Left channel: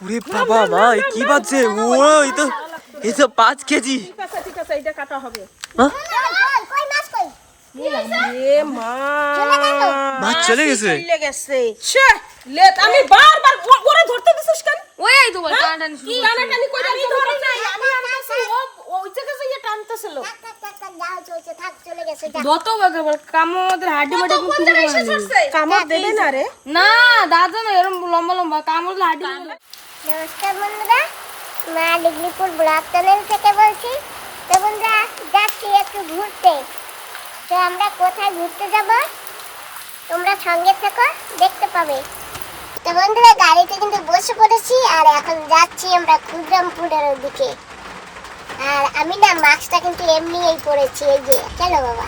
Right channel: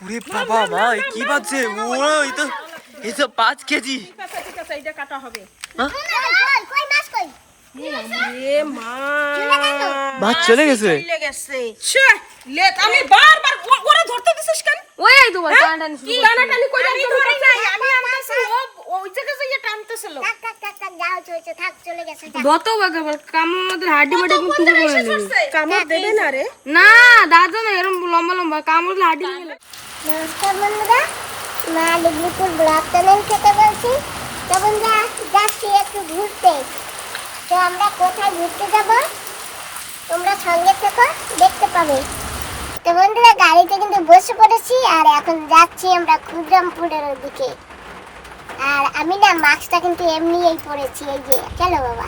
ওরে বাবা মা কি বাজছে? ও এই তো এই তো পাঁচ কেজি মাছ মা? চলে গেছে। আমি বারবার ওরে ধরতে দিছিস কেন? ওই তোমার কি টানাটানি কই আমি ধরি নাই আমি আনতেছি ও ওই থেকে যাইয়ে টানতেছিল থাক থাক থাক থাক যাও চলছে থাক চলে গেছে যা। যত বাগাবার কাম আমাদের হাড্ডি মাটি একদম টুকরো করে নেবে কামড় দেবে না রে। না দাদা না এরকম লম্বা লম্বা কামড় হাড্ডি নমস্কার বন্ধুরা মা ডিগ্রিপুর ব্লক চ্যানেল থেকে বলছি তো বন্ধুরা যাচ্ছি একটু ঘুরতে। তো আমরা কোথায় ঘুরতে যাব? তোমরা সঙ্গে থেকো দেখতে পাবে। তো বন্ধুরা গাড়িতে কিন্তু বসে পড়েছি আর এখন যাচ্ছি আমরা ক্ষুদ্রামপুরের ওদিকে। আর আমি না মাস্কটা কিন্তু এমনিই পরেছি এই যে চলো বাবা।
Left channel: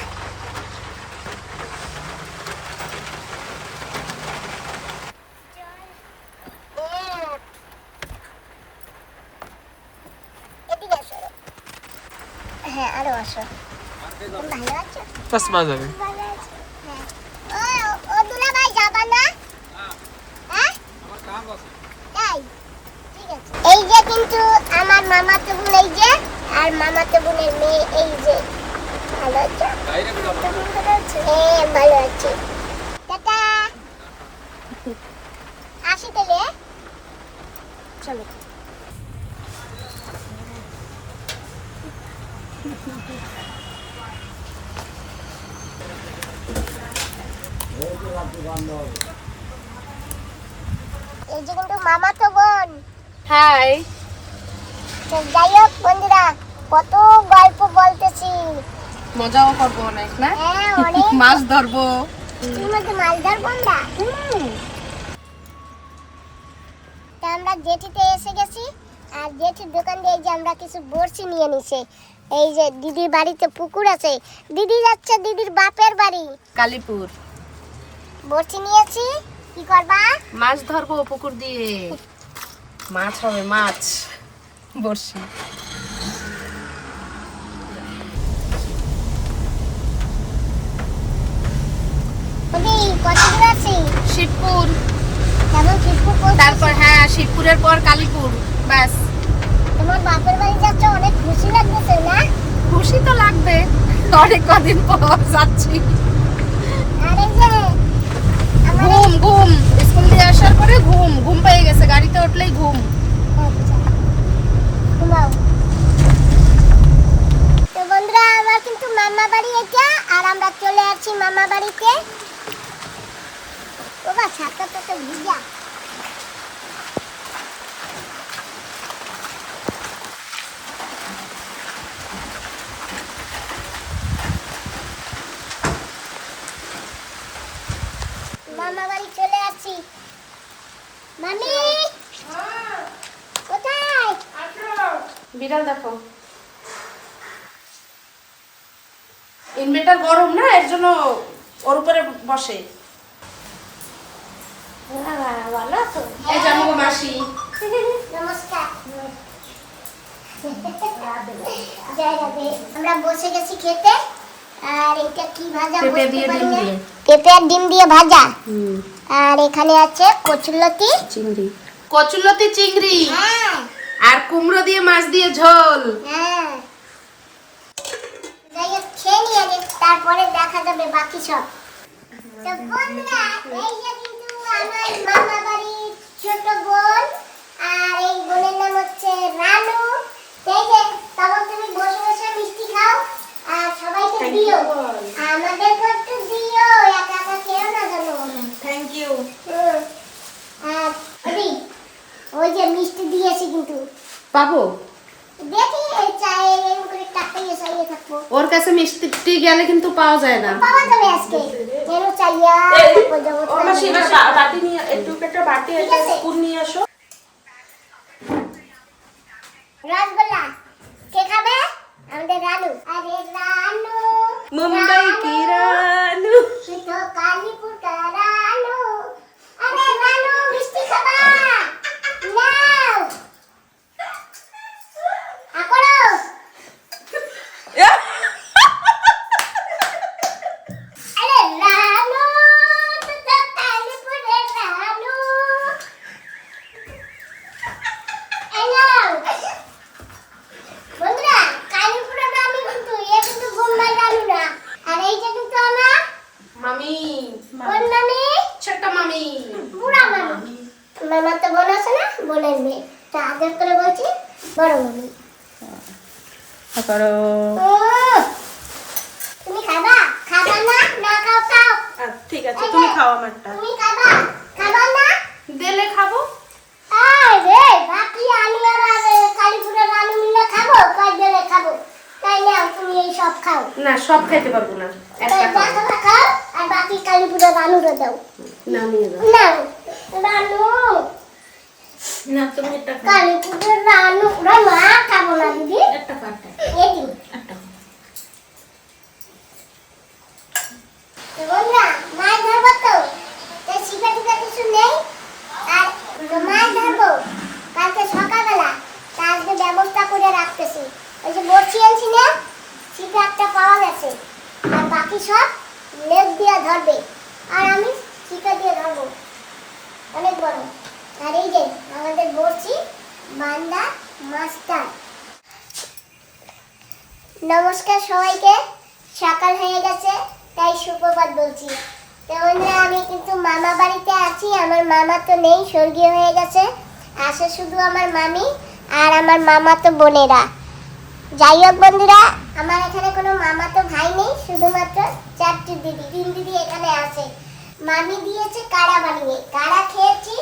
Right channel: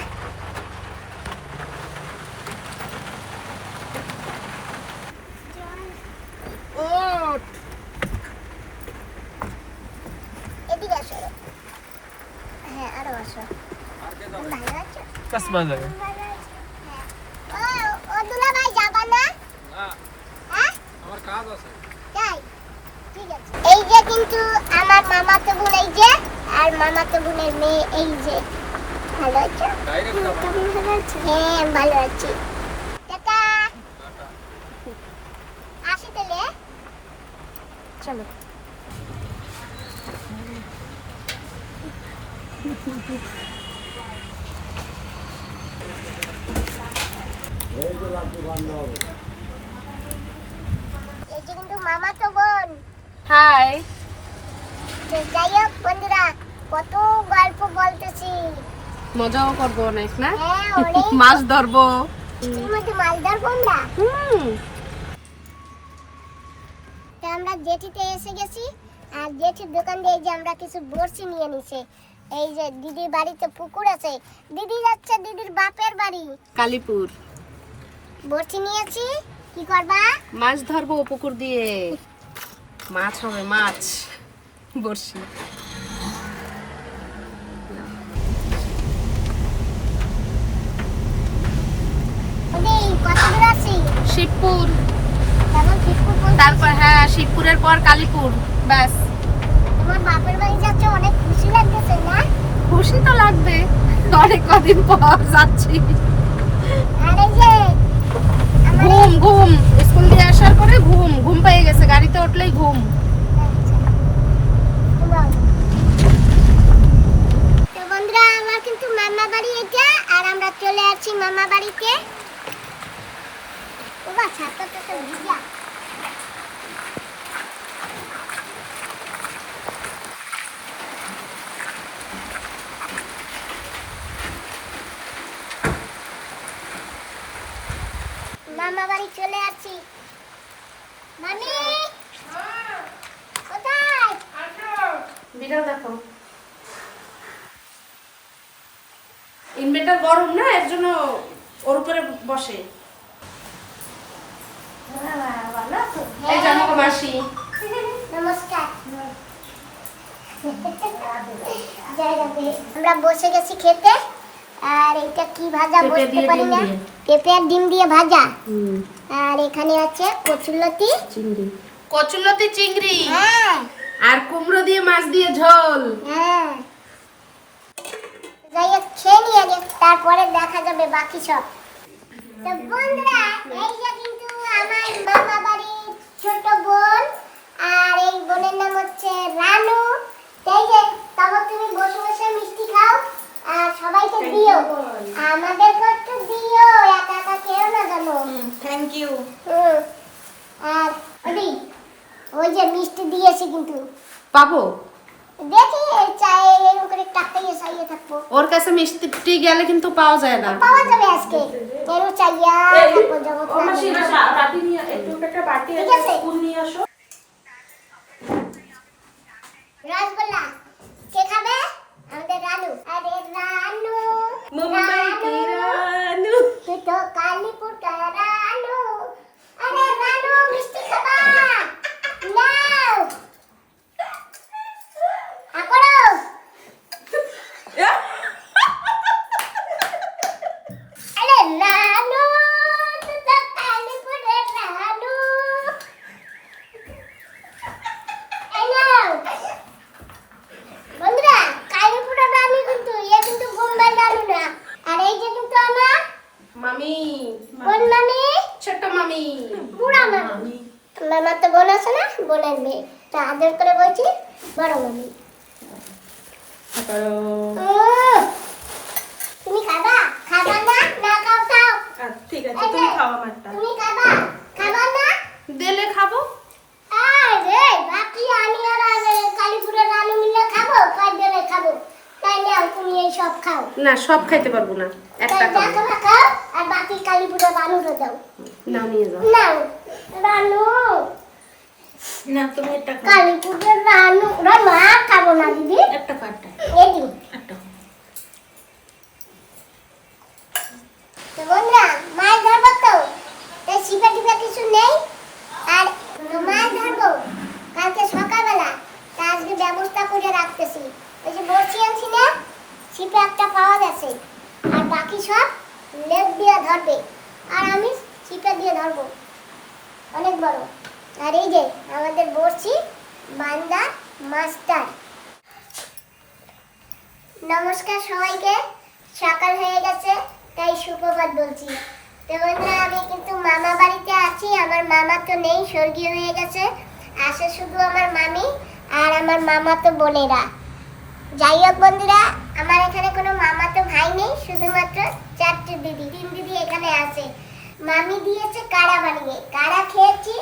হ্যাঁ আরও আসো। চশমা যাবে হ্যাঁ। ঠিক আছে। এই যে কিন্তু আমার মামাতো বোন এই যে আর মামাতো বোনের মেয়ে এই যে। ভালো আছো? ভালো আছো? হ্যাঁ ভালো আছি। টাটা। আসি তাহলে হ্যাঁ? চলো। এই যে কিন্তু মামাতো বোন। হাই যাই হোক বন্ধুরা। কত গল্প বলতেছি। মজাও করব অনেক না? হ্যাঁ মাছ ধরবো। মালদার বন্ধা তা আমরা জেঠিতে এসে গেছি আর জেঠির দোকান দিয়ে যে আমরা কিছু বড়শি নিয়ে নিছে। এই যে দিদির বাড়িতে পুকুর আছে দিদি যাচ্ছে দিদির বাপের বাড়ি। কালীপুর। বড়শি নিয়েছি কি করবা? মাছ ধরবো পুকুর দিয়ে। মাছ হবে মাছ বর্ষি ওদি কত দূর আছি শিবপুর। তারপর হ্যাঁ শিবপুরের পর কালীপুর ব্যাস। তোমার বাপের বাড়ি যাচ্ছে অনেক খুশি লাগতেছে না? খুশি তো লাগবে অনেক কদিন পর যাচ্ছি। ঘুম ঘুম স্কুল দিয়ে আসার পরে ঘুম ঘুম পেয়ে গেছে গাড়িতে উঠলেই ঘুম। বন্ধুরা আমার কিন্তু মামা বাড়ি এটা আর আমরা চলে আসছি মামা বাড়িতে। মামা বাড়ি চলে আসছি। মামি, কোথায়? বিড়াল দেখো। ইনভার্টার গরম না, এর জন্য ওর উপরে বসে। এই যে মাসি। নমস্কার। আমরা বসে গেছি খেতে। আর এটা কি ভাজা পেঁপে পারি না? পেঁপে আর ডিম দিয়ে ভাজা। আর এখানে আছে কচুলতি চিংড়ি। কচুলতি চিংড়ি। হ্যাঁ। আর কুমড়ো দিয়ে মাছ দিয়ে ঝোল। হ্যাঁ। যাই হোক খেয়ে নিয়ে তারপরে দেখা যাবে বাকি সব। তো বন্ধুরা এই আমার মামা বাড়ির ছোট বোন আর এই বোনের নাম হচ্ছে রানু। তো যে তারপর তুমি বসে বসে মিষ্টি খাও আর সবাইকে দিও। আমাদেরকে একটু দিও একা একা কেউ না জানো। থ্যাংক ইউ আর ওই যে মিষ্টি দিয়েছি কিন্তু। পাবো ওর কাছে মিষ্টি গেলে কিন্তু পাওয়া যায় না। পাওয়া যাবে আজকে। কেন চাইয়া তারপর যাব ও মাসি না বা- বাটি নিয়ে একটু একটা বাটি ঠিক একটা আছে। স্পুন নিয়ে আসো। রসগোল্লা। কে খাবে? আমাদের রানু। আরে রানু। মুম্বাই কি রানু, রানু তুই তো কালীপুর কা রানু আরে রানু মিষ্টি খাবা নাও আকড়ো আরে রানু তুই তো কালীপুরের রানু তো বোন আছে না বোনের মেয়ে তা আদর করে বলছি বড় মামি তারপরে উম, তুমি খাবা খাবা না না খাও খাও ঠিক আছে তুমি খাও আমারটা। তুমি খাবা? খাবা না? দিলে খাব। আরে বাকি আমি আর আর কালীপুরের রানু মিলে খাব? কয় দিলে খাব? তাই নাও তুমি এই সব খাও। না সব খাইতে পারব না। একটা খাব? খাও আর বাকি কালীপুরের রানুরে দাও। না নিয়ে যাও। নাও রানু না তুমি একটা খাও। কালীপুরের রানু রানু আর খাব না দিদি? একটা কাটটা এই দিও একটা খাও। তো বন্ধুরা মাছ ধরবো তো তাই শিপা টিপা কিছু নেই আর মাছ ধরবো কালকে সকালবেলা তা আজকে ব্যবস্থা করে রাখতেছি এই যে বসি আনছি না ছিপে একটা পাওয়া গেছে আর বাকি সব লেপ দিয়ে ধরবে আর আমি ছিপে অনেক বড় আর এই যে, আমাদের বসছি বান্দা, মাস্টার। নমস্কার সবাইকে। সকাল হয়ে গেছে, তাই সুপ্রভাত বলছি। তো আমি কিন্তু মামা বাড়িতে আছি। আমার মামা তো নেই, স্বর্গীয় হয়ে গেছে। আসে শুধু আমার মামি আর আমার মামা তো বোনেরা। যাই হোক বন্ধুরা, আমার এখানে কোনো মামা তো ভাই নেই, শুধুমাত্র চারটি দিদি, তিন দিদি এখানে আছে। মামি দিয়েছে কাড়া বানিয়ে কাড়া খেয়েছি?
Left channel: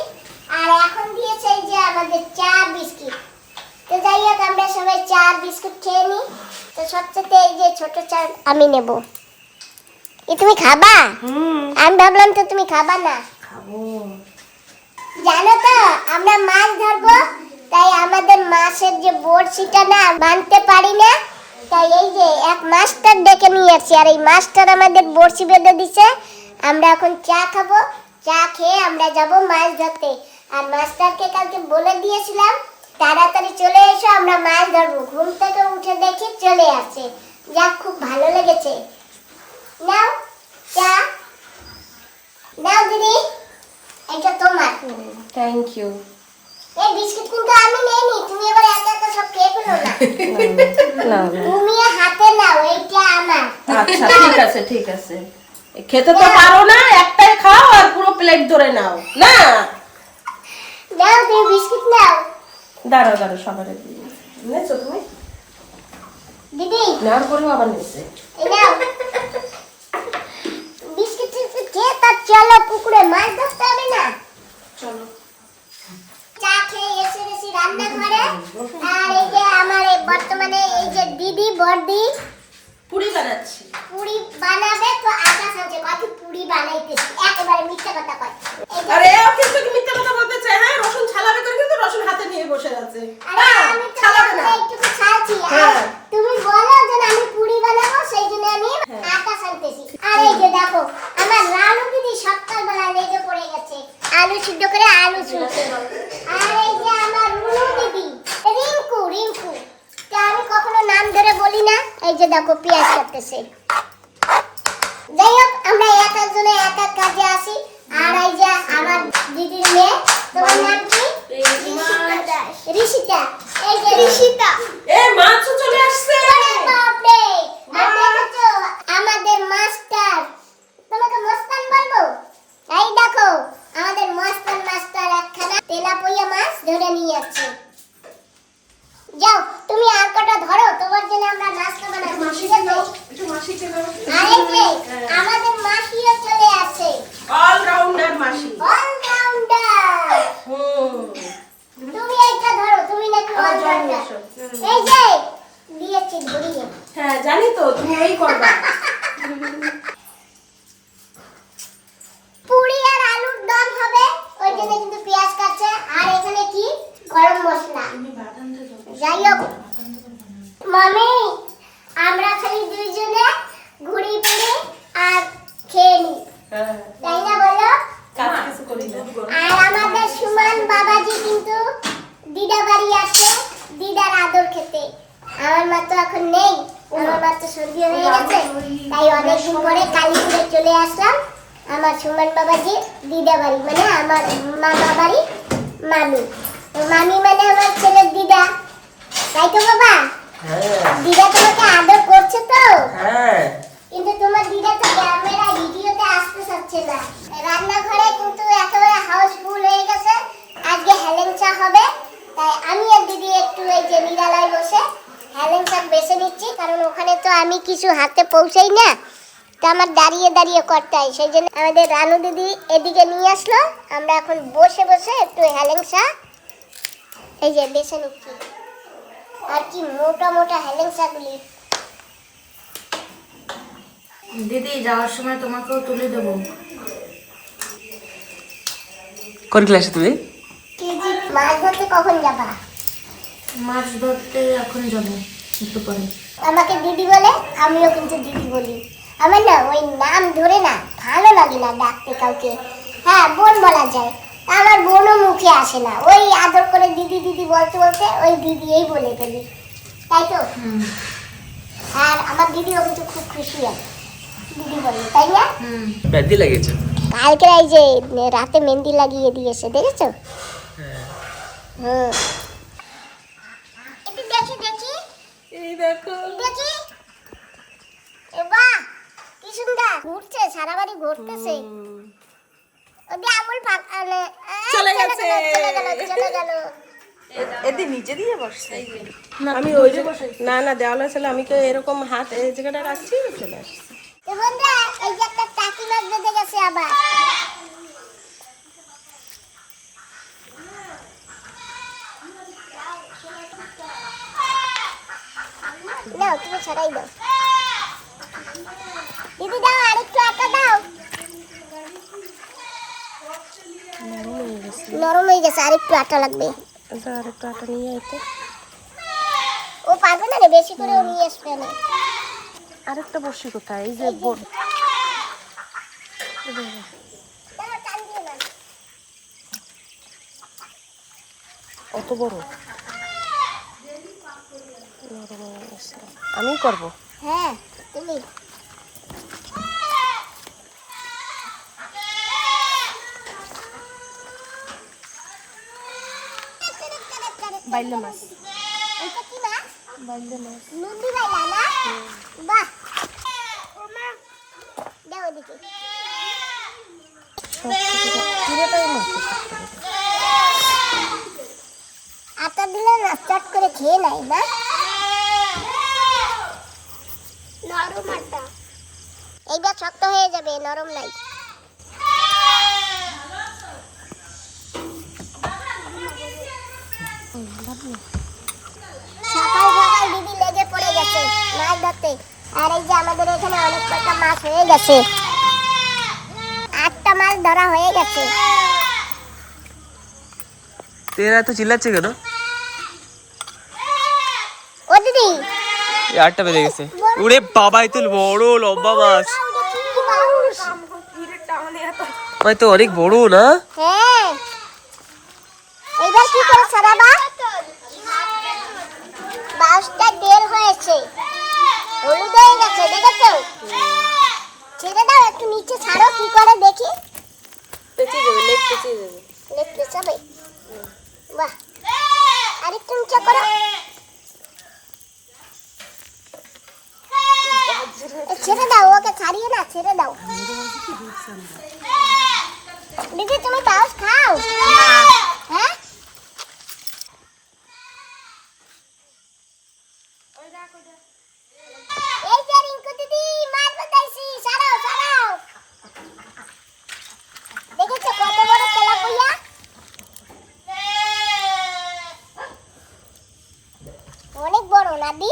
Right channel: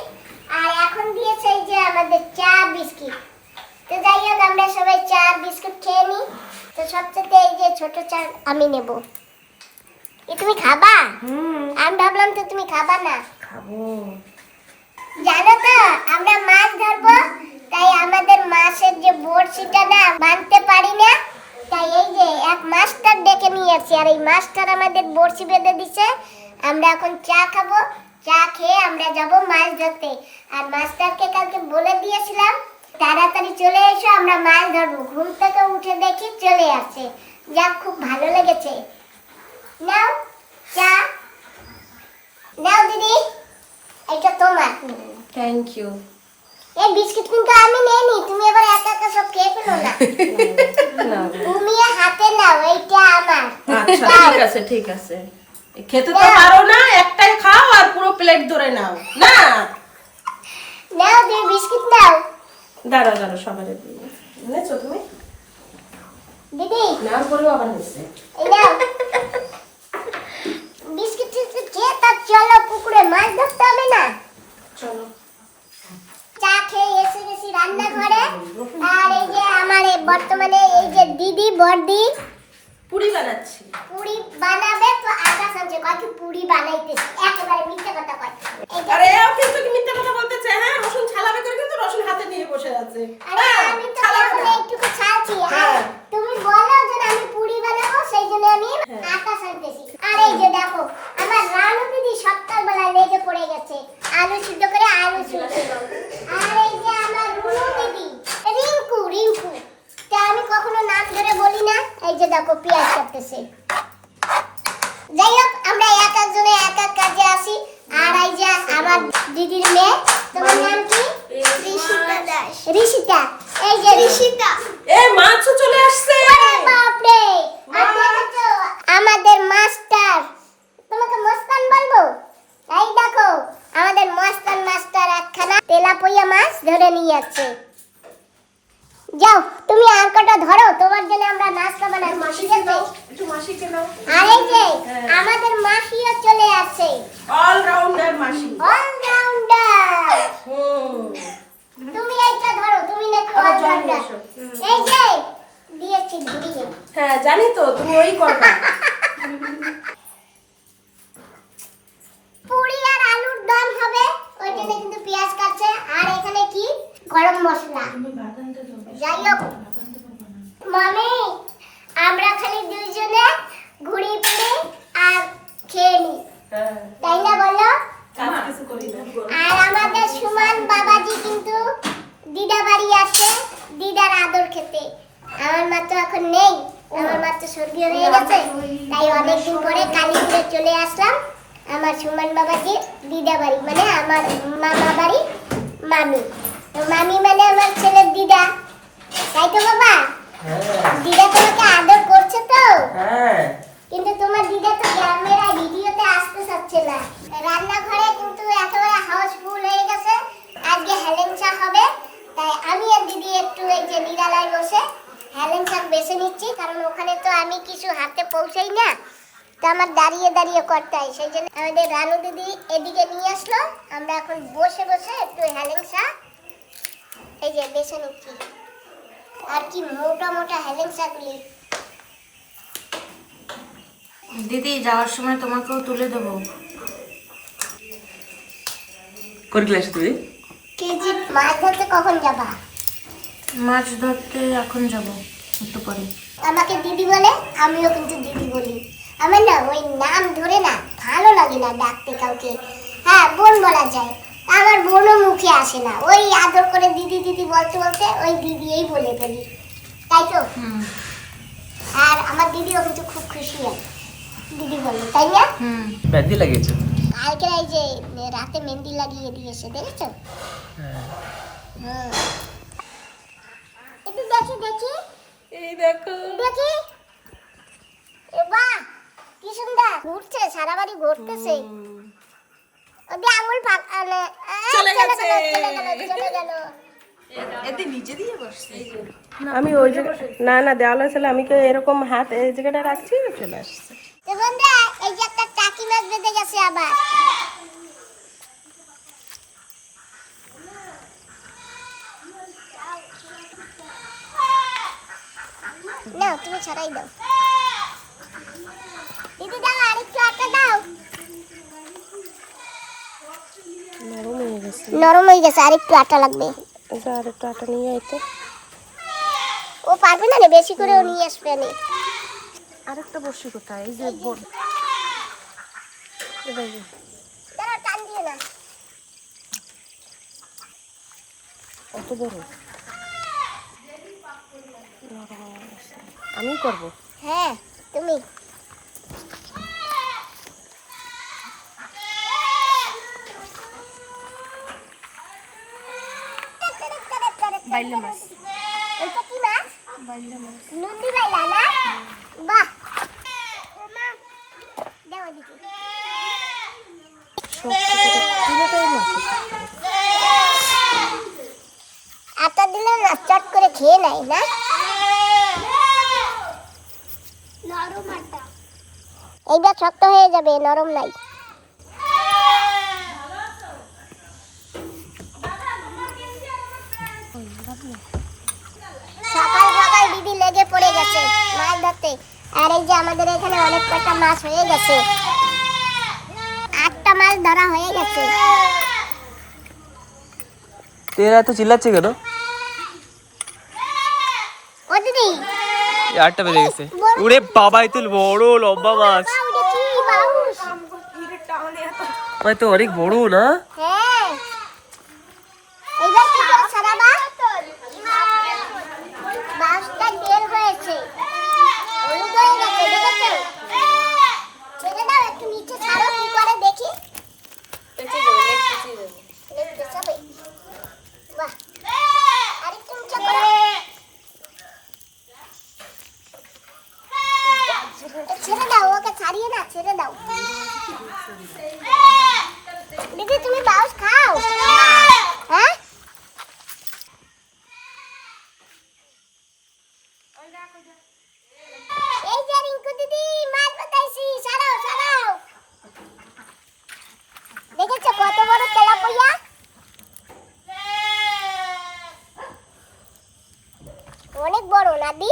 আর এখন দিয়েছে যে আমাদের চা বিস্কিট। তো যাই হোক আমরা সবাই চা বিস্কুট খেয়ে নিই। তো সবচেয়ে এই যে ছোট চা আমি নেব। এ তুমি খাবা? হুম। আমি ভাবলাম তো তুমি খাবা না। খাব। জানো তো আমরা মাছ ধরবো তাই আমাদের মাছের যে বড়শিটা না বানতে পারি না। তাই এই যে এক মাস্টার ডেকে নিয়ে আসছি আর এই মাস্টার আমাদের বড়শি বেঁধে দিছে। আমরা এখন চা খাব। চা খেয়ে আমরা যাব মাছ ধরতে। আর মাস্টারকে কালকে বলে দিয়েছিলাম তাড়াতাড়ি চলে এসো আমরা মাছ ধরবো। ঘুম থেকে উঠে দেখি চলে আসছে। যাক খুব ভালো লেগেছে। নাও চা। নাও দিদি এটা তোমার। থ্যাংক ইউ এই বিস্কিট কিন্তু আমি নেইনি তুমি এবার একা একা সব খেয়ে ফেলো না। তুমি হাতে নাও এইটা আমার। আচ্ছা ঠিক আছে ঠিক আছে। খেতে তো পারো না একটাই খাও আর পুরো প্লেট ধরে নাও। না। নাও তুমি বিস্কিট নাও। দাঁড়াও দাঁড়াও সবাই নিয়েছো তুমি? দিদি। নেওয়ার পরেও আবার নিচ্ছে এই নাও। বিস্কিট খেয়ে তার চলো পুকুরে মাছ ধরতে হবে না। চলো। চা খেয়ে এসে গেছি রান্নাঘরে। আর এই যে আমার এই বর্তমানে এই যে দিদি বর্দি পুরি বানাচ্ছি। পুরি বানাবে তো আটা সাজে বাকি পুরি বানাইতেছি? একেবারে মিথ্যে কথা কয়। আরে এও কিন্তু কি মিথ্যা কথা বলতে চায় হ্যাঁ? রসুন ছালাবে করে কিন্তু রসুন হাতে নিয়ে বসে আছে। হ্যাঁ, আমি ছালাবে না। এইটুকু ছাড়ছি হ্যাঁ। তুমি বলো যে আমি পুরি বানাবো সেই জন্য আমি আটা সানতেছি আর এই যে দেখো আমার রানু দিদি সকালবেলা লেগে পড়ে গেছে। আলু সিদ্ধ করে আলু ছুলছে আর এই যে আমার রুনু দিদি রিঙ্কু রিঙ্কু তা আমি কখনো নাম ধরে বলি না এই যে দেখো পেঁয়াজ কাটতেছে যাই হোক আমরা এক একজনে এক এক কাজে আসি আর এই যে আমার দিদির মেয়ে তোমার নাম কি ঋষিতা দাস ঋষিতা এই যে ঋষিতা এ মাছও চলে আসছে আরে বাপরে আর দেখেছ আমাদের মাস্টার তোমাকে মস্তান বলব এই দেখো আমাদের মস্তান মাস্টার একখানা তেলাপইয়া মাছ ধরে নিয়ে যাচ্ছে যাও তুমি আর কটা ধরো তোমার জন্য আমরা নাস্তা বানাবো ঠিক আছে একটু মাসিকে দাও আর এই যে আমাদের মাসিও চলে আসে অলরাউন্ডার মাসি অলরাউন্ডার হুম তুমি এইটা ধরো তুমি নাকি অলরাউন্ডার এই যে দিয়েছি ঘুরিয়ে। হ্যাঁ জানি তো তুমি ওই করবে পুরি আর আলুর দম হবে ওই জন্য কিন্তু পেঁয়াজ কাটছে আর এখানে কি গরম মশলা যাই হোক মামি আমরা খালি দুইজনে ঘুরি পুরি আর খেয়ে নি হ্যাঁ তাই না বলো কাজ কিছু করি না আর আমাদের সুমান বাবাজি কিন্তু দিদা বাড়ি আছে দিদার আদর খেতে আমার মা তো এখন নেই আমার মা তো স্বর্গীয় হয়ে গেছে তাই অনেকদিন পরে কালীপুরে চলে আসলাম আমার সুমান বাবাজি দিদা বাড়ি মানে আমার মামা বাড়ি মামি তো মামি মানে আমার ছেলের দিদা তাই তো বাবা? হ্যাঁ। দিদা তোমাকে আদর করছে তো? হ্যাঁ। কিন্তু তোমার দিদা তো ক্যামেরা ভিডিওতে আসতে চাচ্ছে না। রান্নাঘরে কিন্তু একেবারে হাউসফুল হয়ে গেছে। আজকে হেলেঞ্চা হবে। তাই আমি আর দিদি একটু এই যে নিরালায় বসে হেলেঞ্চা বেছে নিচ্ছি। কারণ ওখানে তো আমি কিছু হাতে পৌঁছাই না। তো আমার দাঁড়িয়ে দাঁড়িয়ে করতে হয়। সেই জন্য আমাদের রানু দিদি এদিকে নিয়ে আসলো। আমরা এখন বসে বসে একটু হেলেঞ্চা এই যে বেছে নিচ্ছি। আর কি মোটা মোটা হেলেঞ্চাগুলি দিদি যাওয়ার সময় তোমাকেও তুলে দেবো। কোন ক্লাসে তুমি? কেজি মাছ ধরতে কখন যাবা? মাছ ধরতে এখন যাব একটু পরে। আমাকে দিদি বলে আমিও কিন্তু দিদি বলি। আমার না ওই নাম ধরে না ভালো লাগে না ডাকতে কাউকে। হ্যাঁ বোন বলা যায়। আমার বোনও মুখে আসে না। ওই আদর করে দিদি দিদি বলতে বলতে ওই দিদি এই বলে ফেলি। তাই তো? আর আমার দিদি দিদিও কিন্তু খুব খুশি হয়। দিদি বলে তাই না? হুম। ব্যাধি লাগিয়েছে? কালকে এই যে রাতে মেহেন্দি লাগিয়ে দিয়েছে দেখেছ? হুম। একটু দেখি দেখি। এই দেখো। দেখি। এ বাহ কি সুন্দর। ঘুরছে সারা বাড়ি ঘুরতেছে। আমুল ফাঁক আনে চলে গেছে। চলে গেল এতে নিচে দিয়ে বসছে। আমি ওই যে না না দেওয়ালা ছিল আমি কেউ এরকম হাত এই জায়গাটা রাখছি চলে আসছে। বন্ধুরা এই যে একটা টাকি মাছ বেঁধে গেছে আবার। তুমি ছড়াই দাও। দিদি দাও আরেকটু আটা দাও। নরম হয়ে গেছে। নরম গেছে আরেকটু আটা লাগবে। আর একটু আটা নিয়ে আইতে। ও পারবে না বেশি করে ও নিয়ে আসবে নে। আরেকটা বসি কোথায়? এই যে বোন অত বড়? আমি করব? হ্যাঁ তুমি। বাইলে মাছ। এটা কি মাছ? বাইলে মাছ। নদী বাইলা না? বাহ। দেও এদিকে। শক্ত করে পুরোটাই মাছ করে আটা দিলে না চট করে খেয়ে নেয় না? এইবার শক্ত হয়ে যাবে নরম নাই সকাল সকাল দিদি লেগে পড়ে গেছে মাছ ধরতে। আর এই যে আমাদের এখানে অনেক কটা মাছ হয়ে গেছে। আটটা মাছ ধরা হয়ে গেছে। তেরা এত চিল্লাচ্ছে কেন? ও দিদি। আটটা বেজে গেছে। ওরে বাবা এত বড় লম্বা মাছ। বাউ, দেখি, বাউস। ভাই তো অনেক বড় না? হ্যাঁ এবার কি করে ছাড়াবা বাউসটা বের হয়েছে হলুদ হয়ে গেছে দেখেছ ছেড়ে দাও একটু নিচে ছাড়ো কি করে দেখি পেঁচে যাবে লেগ পেঁচে যাবে লেগ পেছাবে বাহ আরেকটু নিচে করো এ, ছেড়ে দাও ওকে ছাড়িয়ে না ছেড়ে দাও দিদি তুমি বাউস খাও হ্যাঁ এই যে রিঙ্কু দিদি মাছ বাতাইছি সারাও সারাও দেখেছ কত বড় তেলাপিয়া অনেক বড় নাদি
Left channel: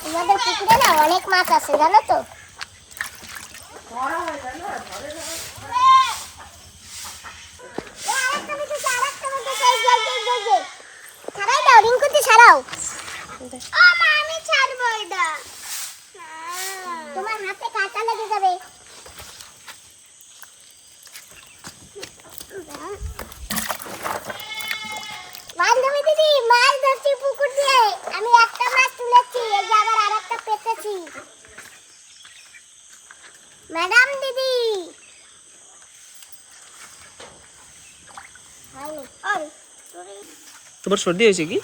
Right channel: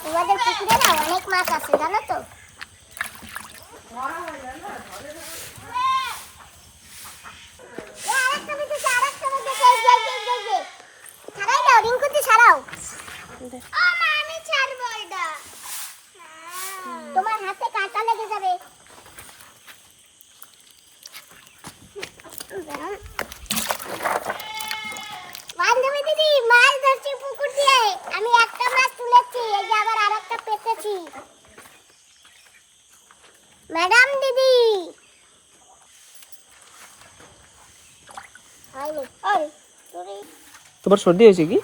তোমাদের পুকুরে না অনেক মাছ আছে জানো তো এ, আরেকটা বেঁধেছে, আরেকটা বেঁধেছে, এই যে, এই যে, এই যে, এই যে। ছাড়াই দাও, রিঙ্কুতি ছাড়াও। তোমার হাতে কাঁটা লেগে যাবে বান্ধবী দিদি মাছ ধরছি পুকুর দিয়ে আমি একটা মাছ তুলেছি এই যে আবার আরেকটা পেতেছি ম্যাডাম দিদি হয়নি অন তোমার সর্দি হয়েছে কি?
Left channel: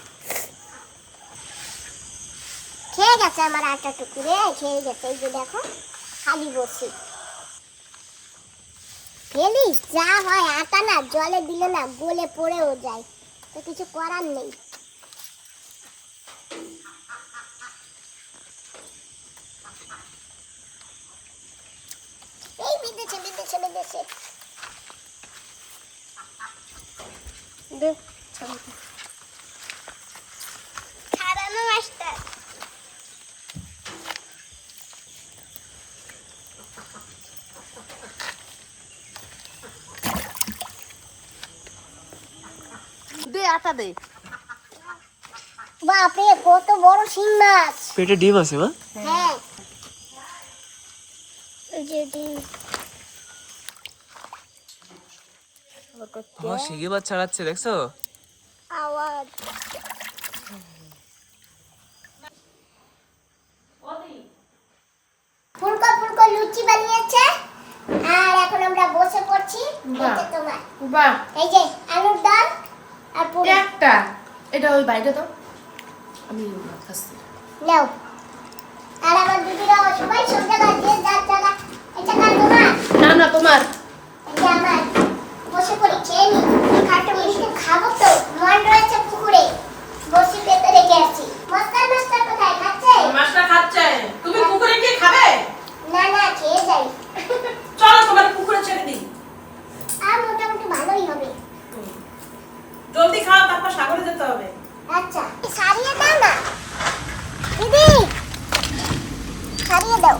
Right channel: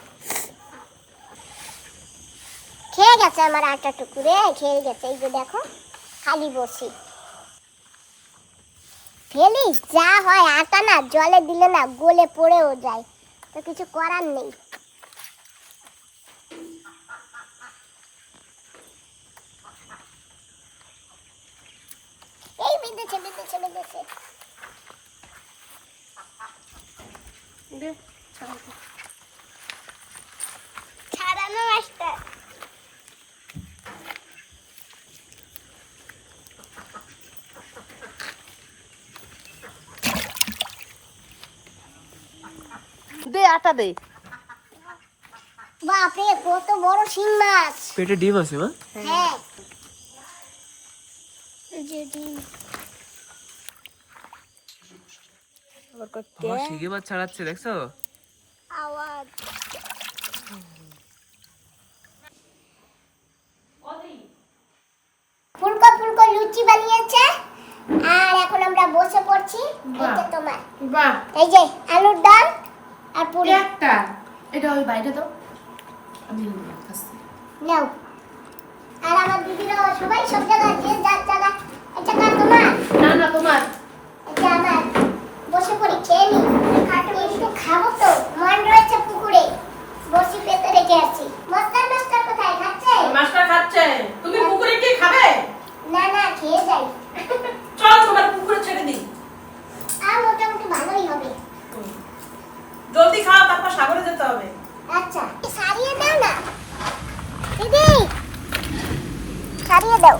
খেয়ে গেছে আমার আটা টুকুরে, খেয়ে গেছে, এই যে দেখো, খালি বসি। ফেলি যা হয়, আটা না, জলে দিলে না গলে পড়েও যায়। তো কিছু করার নেই। এই বিঁধেছে মাস্টার দে আটা দে। বাপরে কত বড় শিং মাছ। পেটে ডিম আছে মা? হ্যাঁ। এই যে শিঙি মাছ ছাড়াচ্ছে দেখছ আওয়াজ ফুলকো ফুলকো লুচি বানিয়েছে আর এখন আমরা বসে পড়ছি এটা তোমার বাহ এই যে আলুর ডাল আর পুরি। একটা। এটা ওই বাইরে তো আমি আসছি নাও। আর আমার দিদিরা সবাই সব জায়গায় যে যার জায়গা এটা কার তোমার? না না তোমার। এটা আমার। বসে পড়ি খেয়ে নি। খাটে একটু খাব তো। মন রয়েছে পুকুরে। বসি পেতে রেখে আছি মস্তার মাস্টার কোথায়? খাচ্ছে? মাছটা খাচ্ছে। তুমি পুকুরে কি খাবে? না না খেয়ে যাই। চলো তোমার পুকুরে ছেড়ে দিই। আর মোটামুটি ভালোই হবে। জলদি খাও তারপর সাগরে যেতে হবে। আচ্ছা। সারিয়ে দাও না। দিদি! সারিয়ে দাও।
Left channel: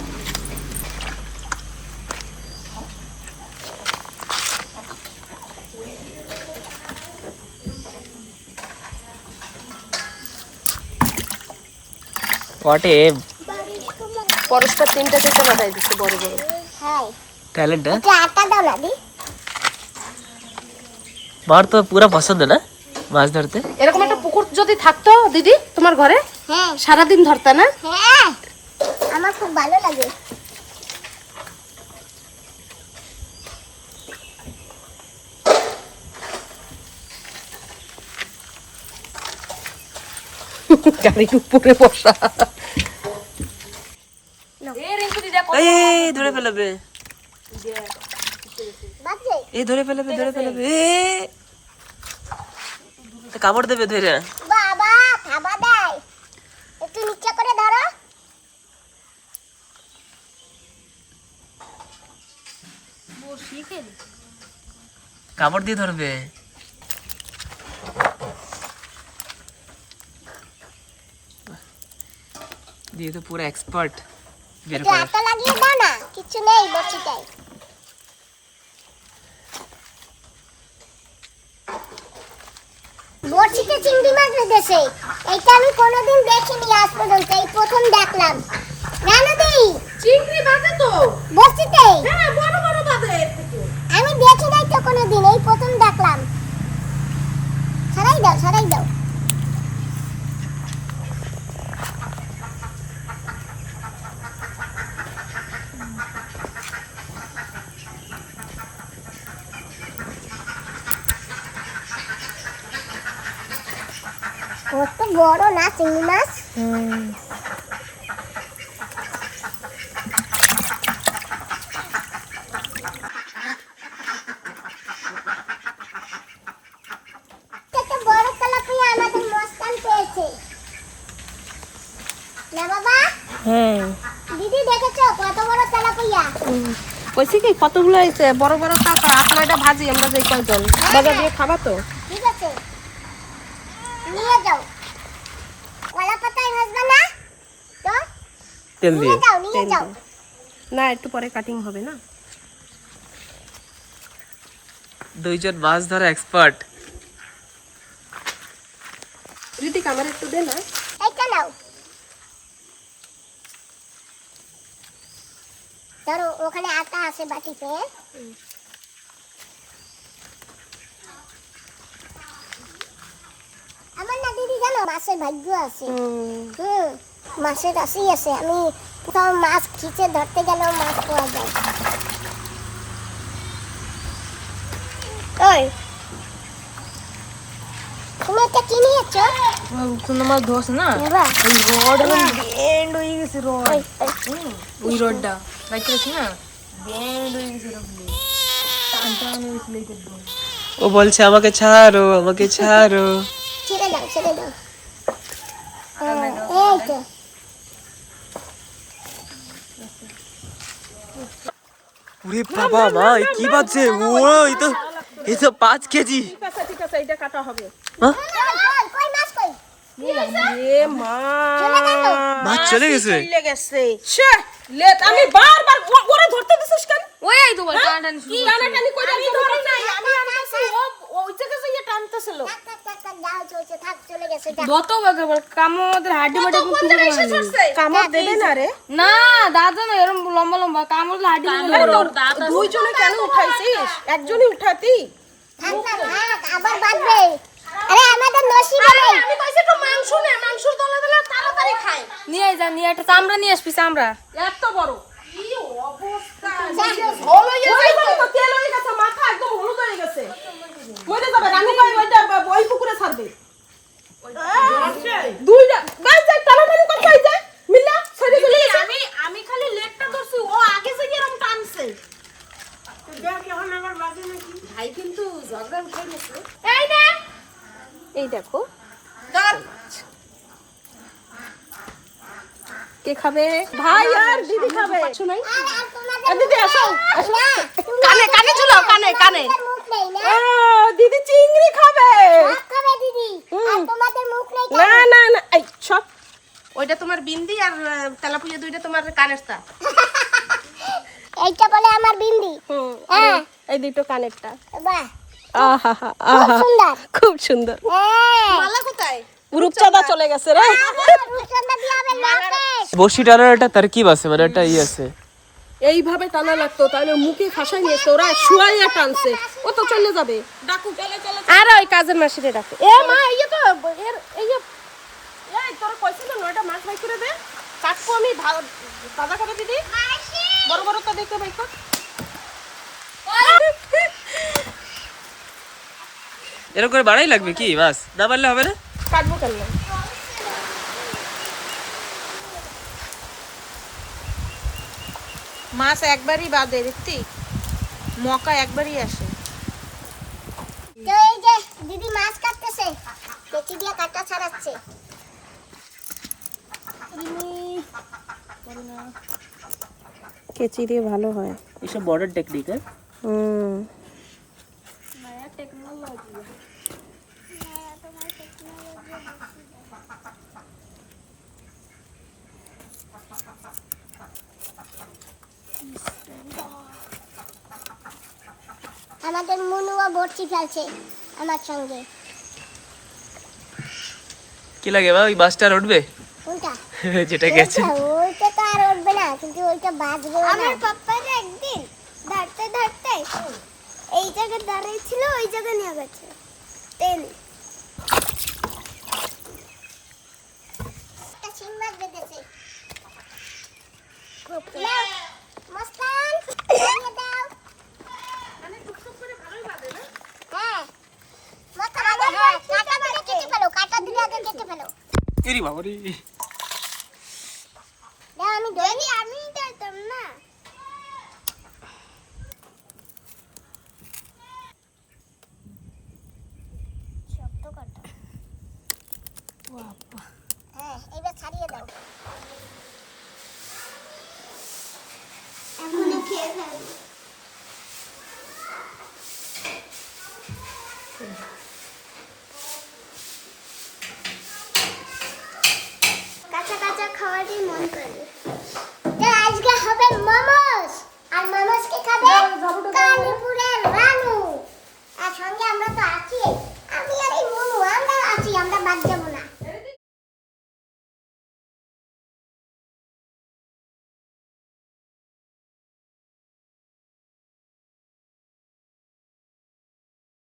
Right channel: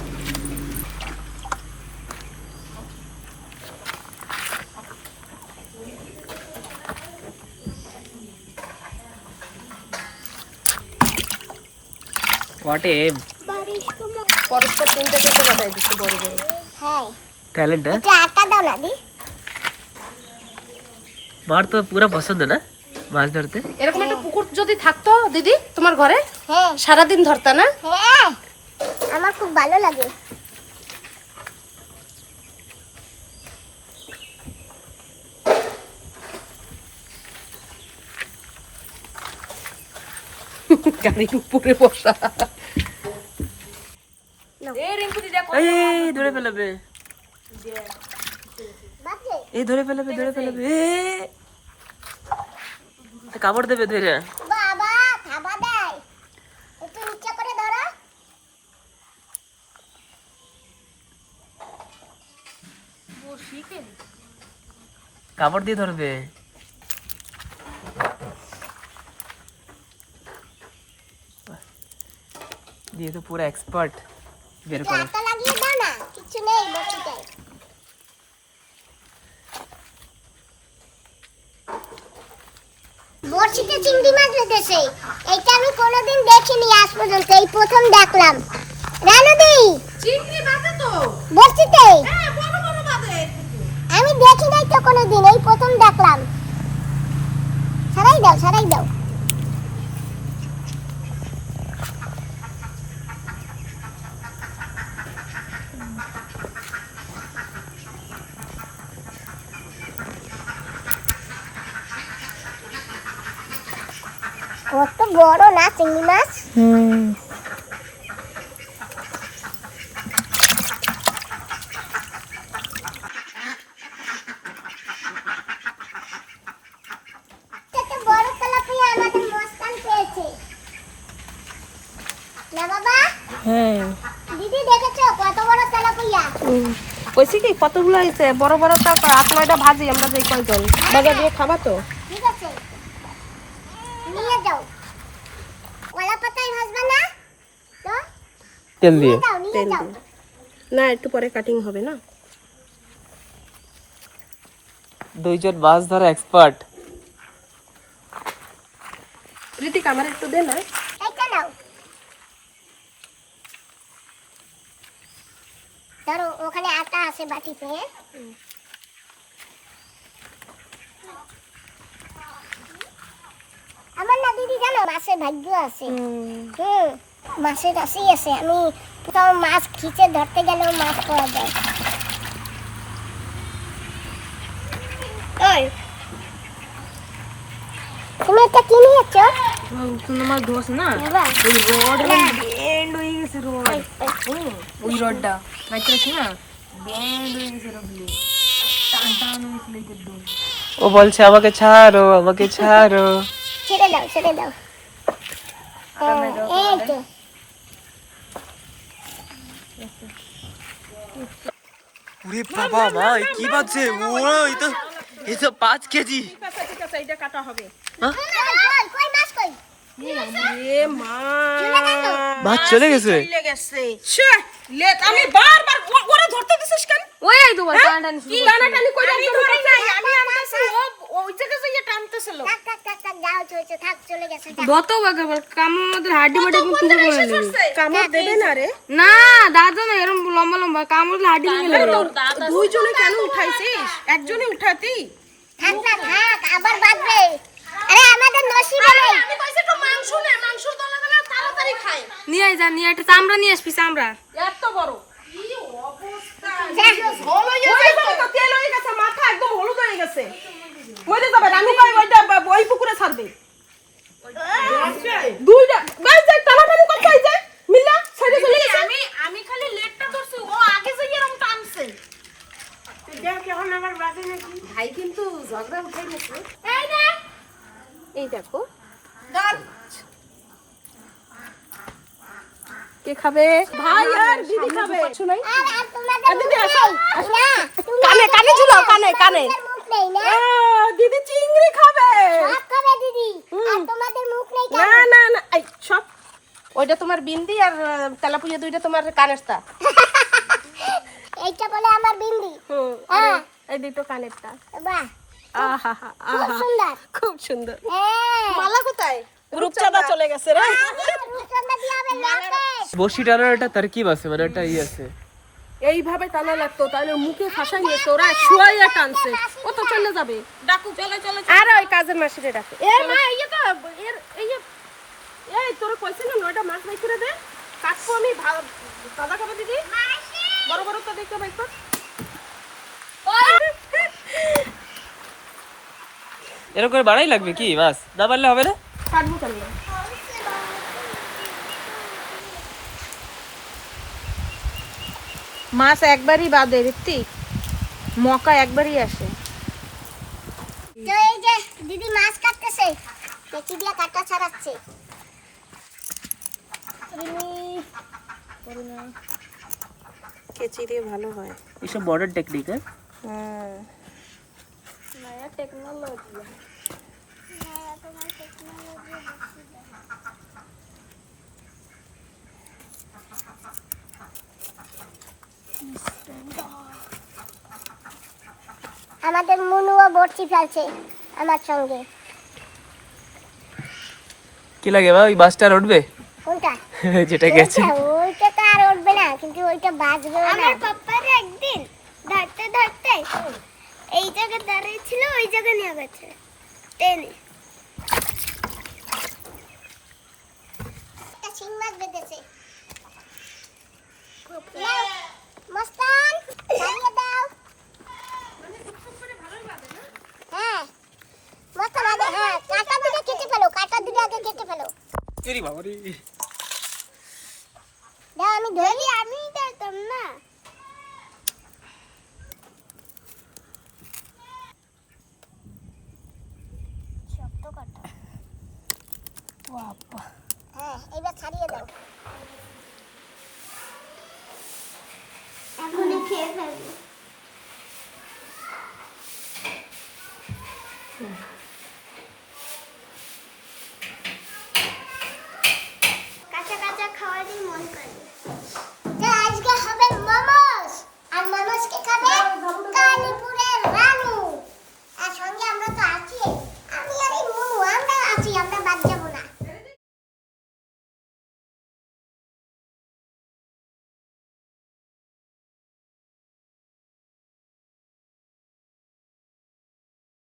পরস্পর তিনটা থেকে বাজাই দিচ্ছে বড় বড়। হ্যাঁ। ট্যালেন্ট আটা দাও না দিদি। মার তো পুরো পছন্দ না? মাছ ধরতে? এরকম একটা পুকুর যদি থাকতো দিদি তোমার ঘরে? হ্যাঁ। সারাদিন ধরতা না? হ্যাঁ। আমার খুব ভালো লাগে। এই ধরে ফেলাবে। এই ধরে ফেলাবে ধরে ফেলাবে। কামড় দেবে ধরে। বাবা থাবা দেয়। একটু নিচে করে ধরো। কামড় দিয়ে ধরবে। দিয়ে তো পুরো এক্সপার্ট বের করে লাগিয়ে দাও না কিছু নেই বেঁধেছে আমি কোনোদিন দেখিনি আজ পর্যন্ত এই প্রথম দেখলাম। রানুদি চিংড়ি তো। হ্যাঁ বড় বড় বাজে আমি দেখি নাই তো কোনোদিন এই প্রথম দেখলাম। সরাই দাও সরাই দাও কত বড় না চিংড়ি মাছ? হ্যাঁ। কইছি কি কতগুলো হয়েছে বড় বড় টাকা আট নয়টা ভাজি আমরা যে কয়জন? বাজার দিয়ে খাবা তো ঠিক আছে নিয়ে যাও কলা পাতায় ভাজবা না তো তেল দিয়ে। নিয়ে যাও নিয়ে তেল যাও। দিয়ে। না একটু পরে কাটিং হবে না? দুইজন মাছ ধরা এক্সপার্ট রীতি ক্যামেরা একটু দে না। এইটা নাও। ধরো ওখানে আটা আছে বাটিতে। আমার না দিদি জানো মাছের ভাগ্য আছে। হুম। মাছের রাশি আছে। আমি কোথাও মাছ খিচে ধরতে গেলেও মাছ পাওয়া যায়। ওই তুমি এটা কি নিয়েছো? তোমার দোষ না বাহ, না। ওই রডটা। রাইতে রাখি না? ব্যান্ড হয়ে গেছে রবলি ও বলছে আমাকে ছাড়ো আমাকে ছাড়ো। ছেড়ে দাও ছেড়ে দাও। হ্যাঁ, এই তো ওরে বাবা ভাই কি বাজছে? ও এই তো এই তো পাঁচ কেজি। ঠিক আছে ঠিক আছে এটা কাটা হবে। হ্যাঁ? কই মাছ কই? চলে গেছে। আমি বারবার ধরতে দিছিস কেন? ওই কি টানাটানি করে আমি ধরি নাই আমি আনতেছি ও ওই যাইয়ে টানতেছিল। বাগাবার হাড্ডি মাটি কামড় দেবে না রে। না দাদা না এরকম লম্বা লম্বা কামড় হাড্ডি দুইজনে কেন উঠাইছিস? একজনই উঠাতি। থাক না থাক আবার বাঁধবে। আরে আমাদের নসিবে নেই। আমি কইছি তো মাংস নে মাংস দলে দলে তাড়াতাড়ি খাই। নিয়ে যা নিয়ে একটা চামড়া নিয়ে আসবি চামড়া। এত বড়। কি অবস্থা? যা। তো তেল হয়ে গেছে মাথা একদম হলুদ হয়ে গেছে। মরে যাবে রানু ভাই ওইটা ওই পুকুরে ছাড়বে। দুইটা দেখ এই যে। মিল্লা ছেড়ে চলে আমি আমি খালি লেটটা ধরছি ও আগে যাই এরকম টানছে। ভাই কিন্তু ঝগড়া উঠে গেছে। এই না এই দেখো। কে খাবে? ভাই আর দিদি খাবে। শুনাই আর আর দিদি আসো। না কানে কানে ঝুলাও কানে কানে। তোমাদের মুখ নেই না। দিদি চিংড়ি খাবে। খাবে দিদি আর তোমাদের মুখ নেই না না না এই সব। ওইটা তোমার বিন্দি আর তেলাপুয়া দুইটা তোমার কানেরটা। এইটা বলে আমার বিন্দি। হুম হ্যাঁ। এই দুটো কানেরটা। বাহ। খুব সুন্দর। খুব সুন্দর। হ্যাঁ। মালা কোথায়? রূপচাঁদা চলে। গেছে রে। বসি টানার একটা তারকিব আছে মানে একটা ই আছে। এইভাবে টানা লাগতো তাহলে মুখে ফাঁসাই নিয়েছে ওরা শুয়াইয়া টানছে। ও তো চলে যাবে। ডাকু চলে চলে আর ওই কাজের মাসিরে ডাকো। এ মা এই তো এর এই এই তোর কইছে না নয়টা মাছ ভাই করে দে। কাটবো আমি ভা- ভাজা করে দিদি বড় বড় তো দেখতে ভাই কর এরকম করে বাড়াই লাগবে কি? বাস। না পারলে হবে না? কাটবো মাছ একবারই বাদে মকা একবারই আসে। তো এই যে দিদি মাছ কাটতেছে কেচি দিয়ে কাটা ছাড়াচ্ছে। কেচি দিয়ে ভালো হয়। এইসব মডার্ন টেকনিক হ্যাঁ? হুম। আমাদের মুনুও বড়ছি ফেলছে আমার সঙ্গে। কি লাগে বা ওই বাসটা আর উঠবে? কোনটা? যেটা গেছে। ওইটা তো আর উঠবে না কিন্তু ওইটা বাজবে আমার পাপ্পার একদিন ধরতে ধরতে এই জায়গায় দাঁড়িয়ে ছিল ওই জায়গায় নিয়ে গেছে। টেনে একটা শিং মাছ বেঁধেছে নাও, মস্তান ধরিয়ে দাও হ্যাঁ মস্তান আগে হ্যাঁ, কাঁটা দিলে কেটে ফেলো কাঁটা দিলে আগে কেটে ফেলো এরি বাবা রে আমি ধরি আমি ধরতাম না